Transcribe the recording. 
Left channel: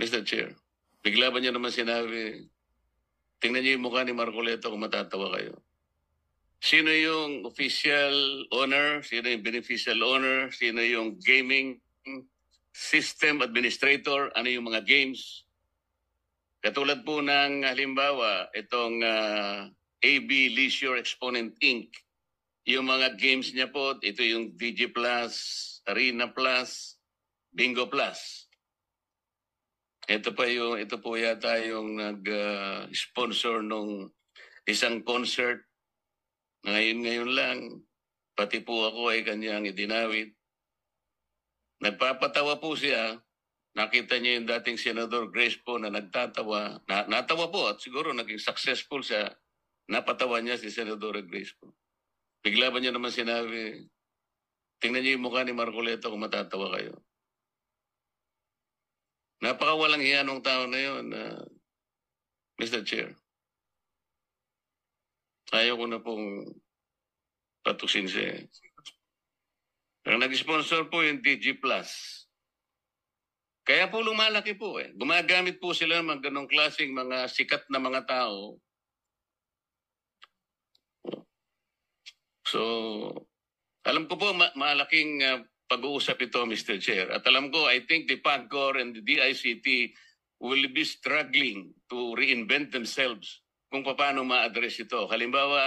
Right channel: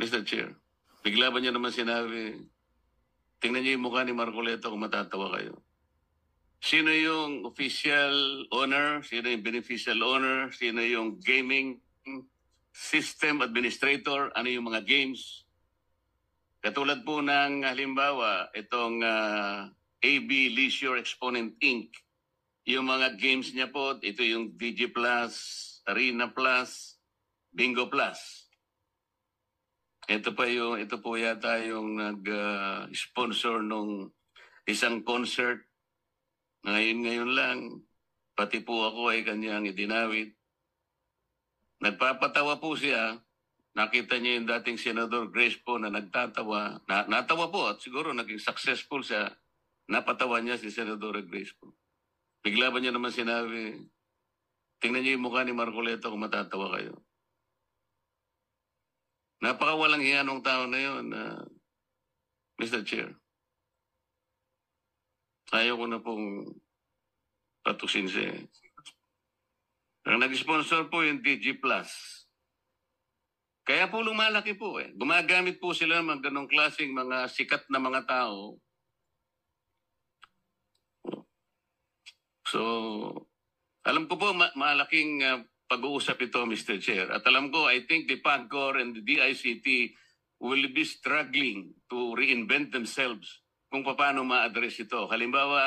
Mr. Chair, bigla ba niyo naman sinabi, tingnan niyo yung mukha ni Marcoleta kung matatawa kayo. Sino yung official owner? Sino yung beneficial owner? Sino yung gaming system administrator? Ano yung mga games? Katulad po ng halimbawa, itong AB Leisure Exponent Inc. Yung mga games niya po, ito yung DG Plus, Arena Plus, Bingo Plus. Ito po yata yung nag-sponsor nung isang concert. Ngayon lang, pati po ako ay kanyang idinawit. Nagpapatawa po siya. Nakita niya yung dating Senador Grace po na nagtatawa. Natawa po at siguro naging successful siya. Napatawa niya si Senador Grace po. Bigla ba niya naman sinabi, tingnan niyo yung mukha ni Marcoleta kung matatawa kayo. Napakawalang hiya ng tao na yun, Mr. Chair. Ayaw ko na pong patusin siya. Ang nag-sponsor po yung DG Plus. Kaya po lumalaki po eh. Gumagamit po sila ng ganong klaseng mga sikat na mga tao. So, alam ko po malaking pag-uusap ito, Mr. Chair. At alam ko, I think the PAGCOR and the DICT will be struggling to reinvent themselves kung paano ma-address ito. Halimbawa,